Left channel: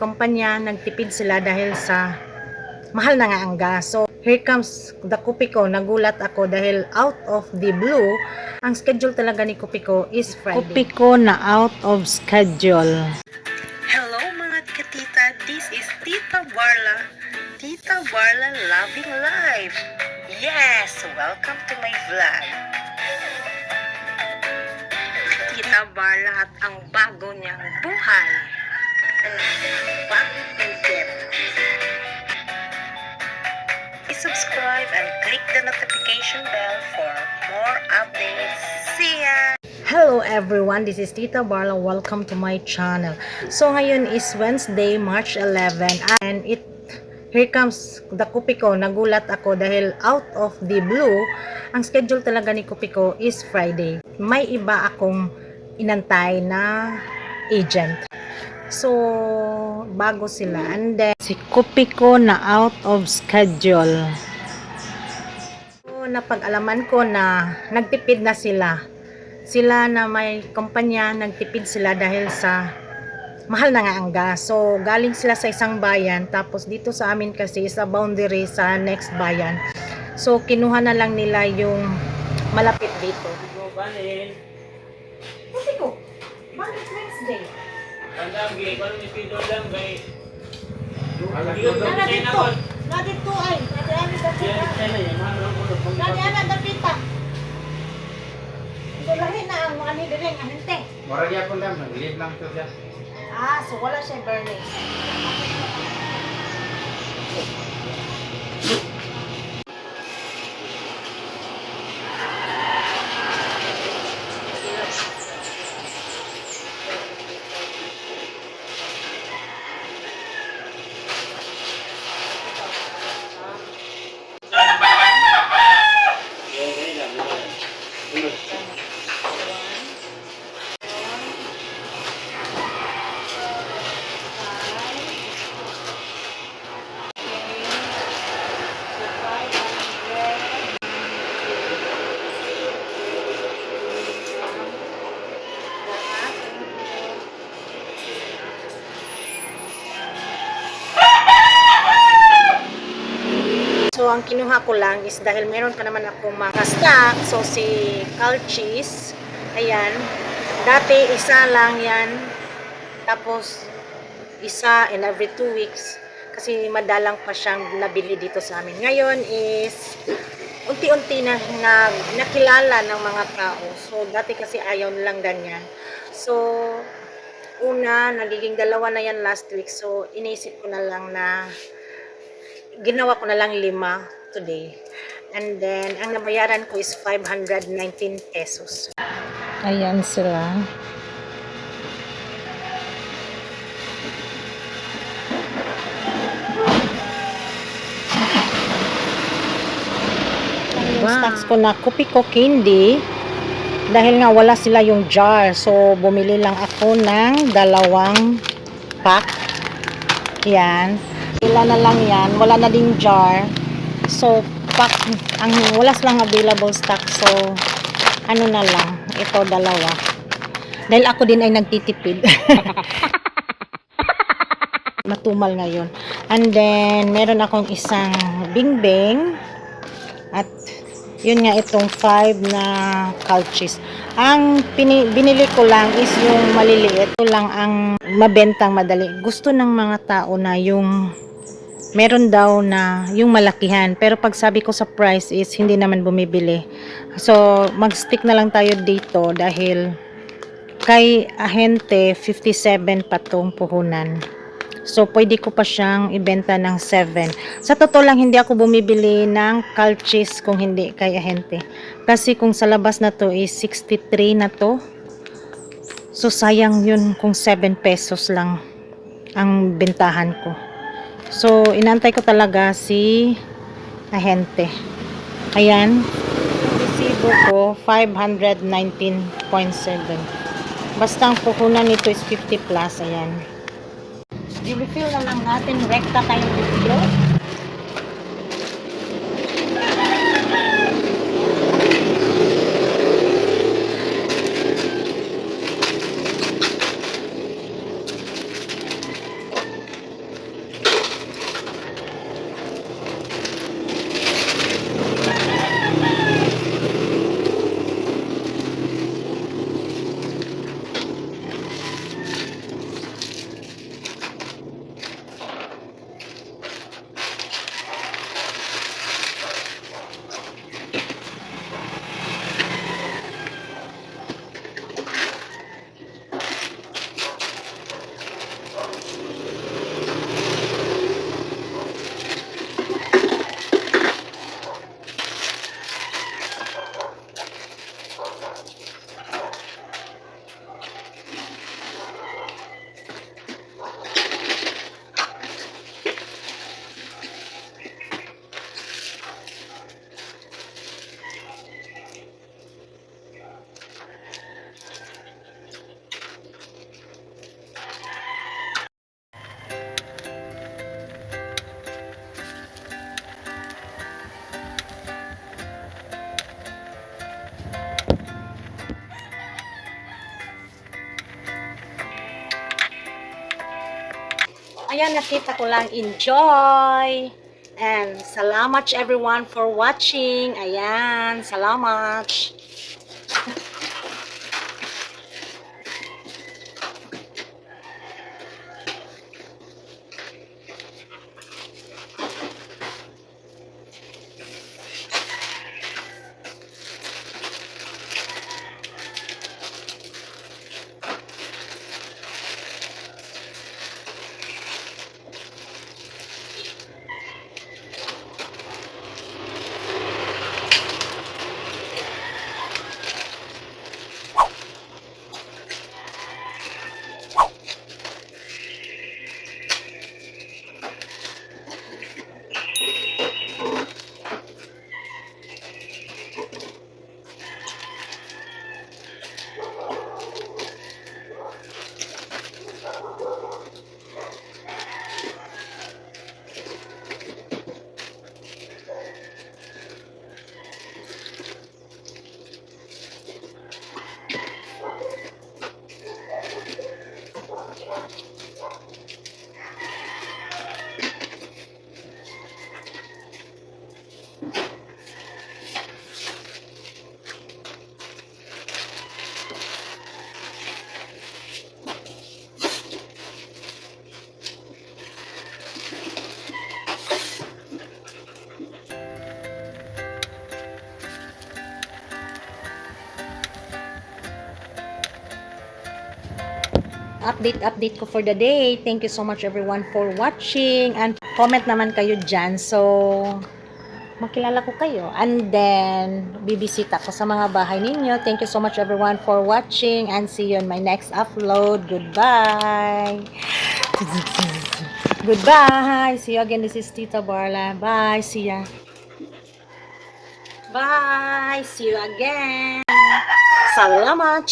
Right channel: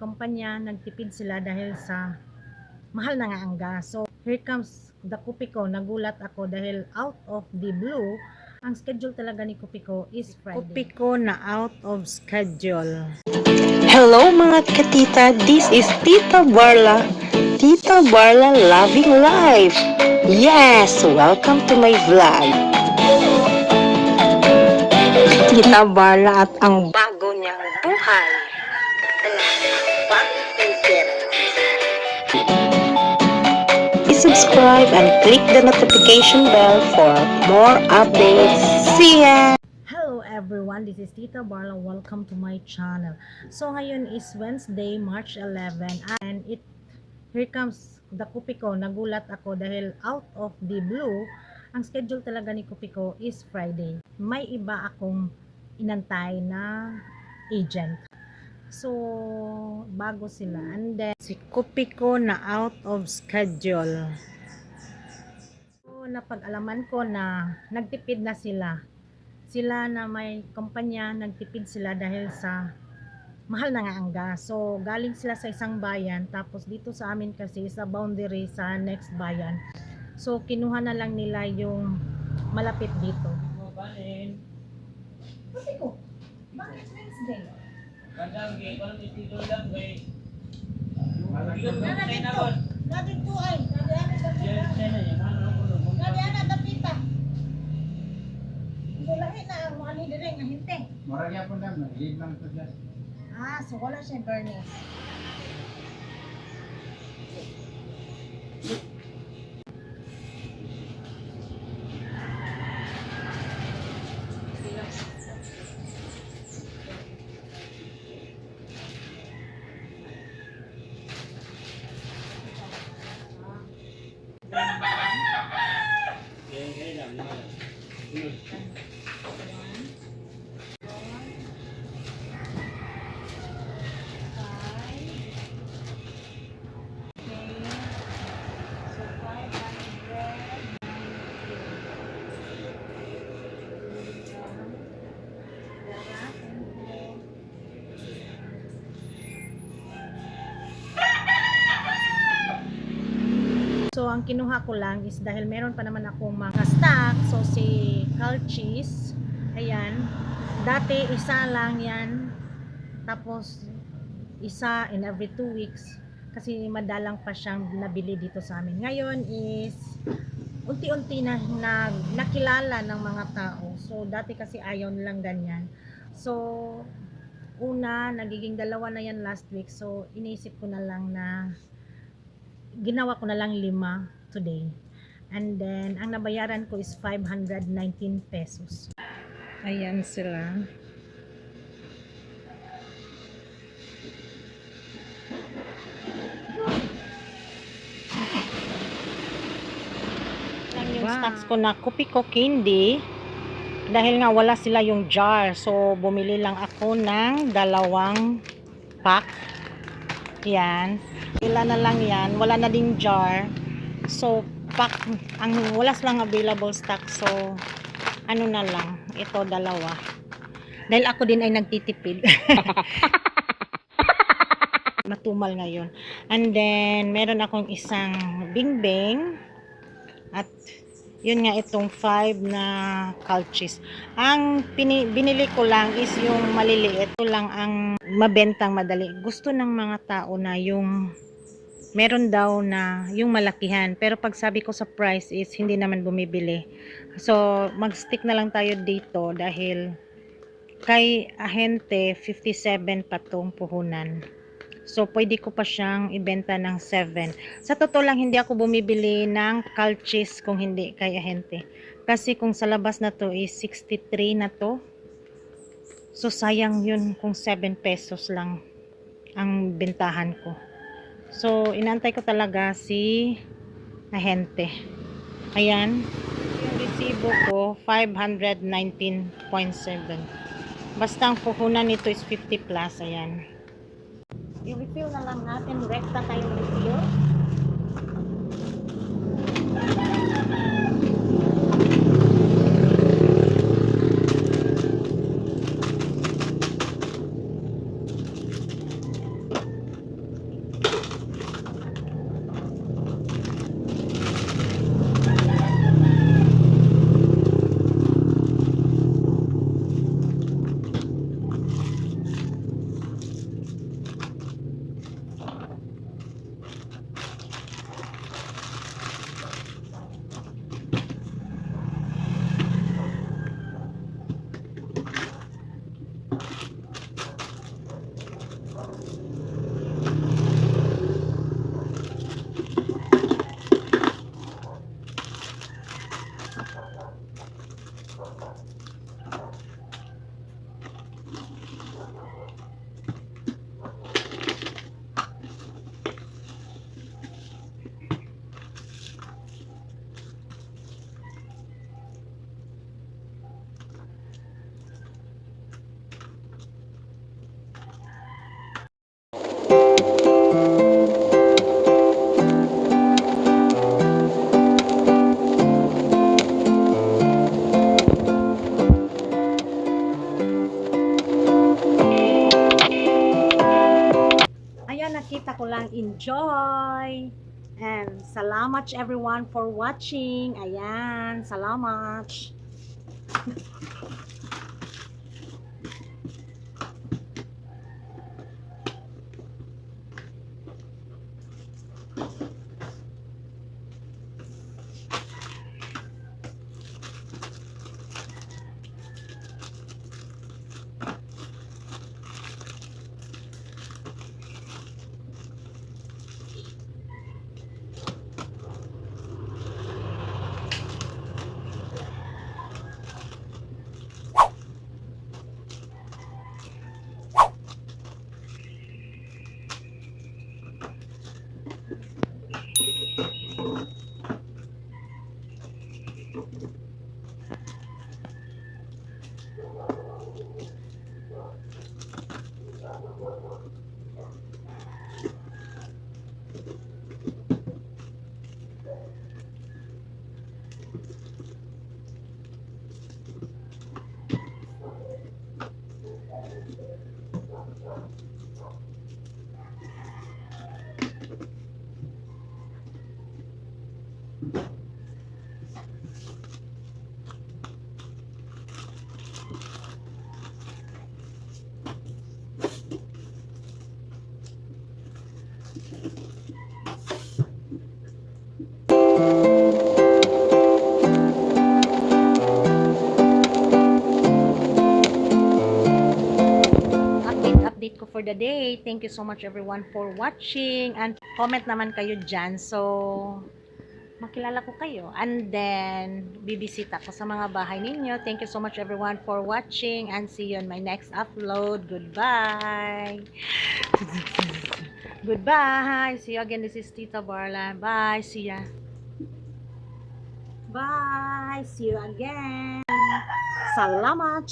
kumpanya, nagtipid sila dahil sa mahal na nga ang gas. So, here comes the Kopiko. Nagulat ako dahil out of the blue, ang schedule talaga ni Kopiko is Friday. Kopiko na out of schedule. Hello mga katita, this is Tita Barla. Tita Barla Loving Life. Yes, welcome to my vlog. Tita Barla at ang bago niyang buhay. I-subscribe and click the notification bell for more updates. See ya! Hello everyone, this is Tita Barla. Welcome to my channel. So ngayon is Wednesday, March 11 and here comes the Kopiko. Nagulat ako dahil out of the blue, ang schedule talaga ni Kopiko is Friday. May iba akong inantay na agent. So bago sila, and then si Kopiko na out of schedule. So napag-alaman ko na nagtipid na sila na may kumpanya, nagtipid sila dahil sa mahal na nga ang gas. So galing sila sa isang bayan, tapos dito sa amin kasi sa boundary sa next bayan. So kinuha na lang nila yung malapit dito. Kasi ko, bakit Wednesday? Tandang gay, kalau mesti dolang gay. Na dito ay, nadiana dapita. So lahi na ang mga nila rin, ahente. Murag yapon lang, nag-leave lang to siya. So wala siya burning. So ang kinuha ko lang is dahil meron pa naman akong mga stock. So si Cal cheese, ayan, dati isa lang yan, tapos isa in every 2 weeks kasi madalang pa siyang nabili dito sa amin. Ngayon is unti-unti na nakilala ng mga tao. So dati kasi ayaw nilang ganyan. So una, nagiging dalawa na yan last week. So iniisip ko na lang na ginawa ko na lang 5 today. And then, ang nabayaran ko is 519 pesos. Ayan sila. Yung stocks ko na Kopiko candy, dahil nga wala sila yung jar. So, bumili lang ako ng 2 pack. Yan. Ilan na lang yan. Wala na ding jar. So, pack, wala silang available stock. So, ano na lang. Ito, 2. Dahil ako din ay nagtitipid. Matumal ngayon. And then, meron akong isang bingbing. At, yun nga, itong 5 na Cal cheese. Ang binili ko lang is yung maliliit. Ito lang ang mabentang madali. Gusto ng mga tao na yung meron daw na yung malakihan, pero pag sabi ko sa price is hindi naman bumibili. So mag-stick na lang tayo dito dahil kay ahente 57 pa tong puhunan. So pwede ko pa siyang ibenta ng 7. Sa totoo lang hindi ako bumibili ng Cal cheese kung hindi kay ahente. Kasi kung sa labas na to is 63 na to. So sayang yun kung 7 pesos lang ang bentahan ko. So, inantay ko talaga si ahente. Ayan. Yung resibo ko, 519.7. Basta ang puhunan nito is 50 plus. Ayan. I-refill na lang natin. Rekta tayong review. ayan, nakita ko lang. Enjoy! And salamat everyone for watching. Ayan, salamat. Update ko for the day. Thank you so much everyone for watching, and comment naman kayo dyan so makilala ko kayo, and then bibisita ko sa mga bahay ninyo. Thank you so much everyone for watching, and see you on my next upload. Goodbye. Goodbye. See you again. This is Tita Barla. Bye. See ya. Bye. See you again. Salamat.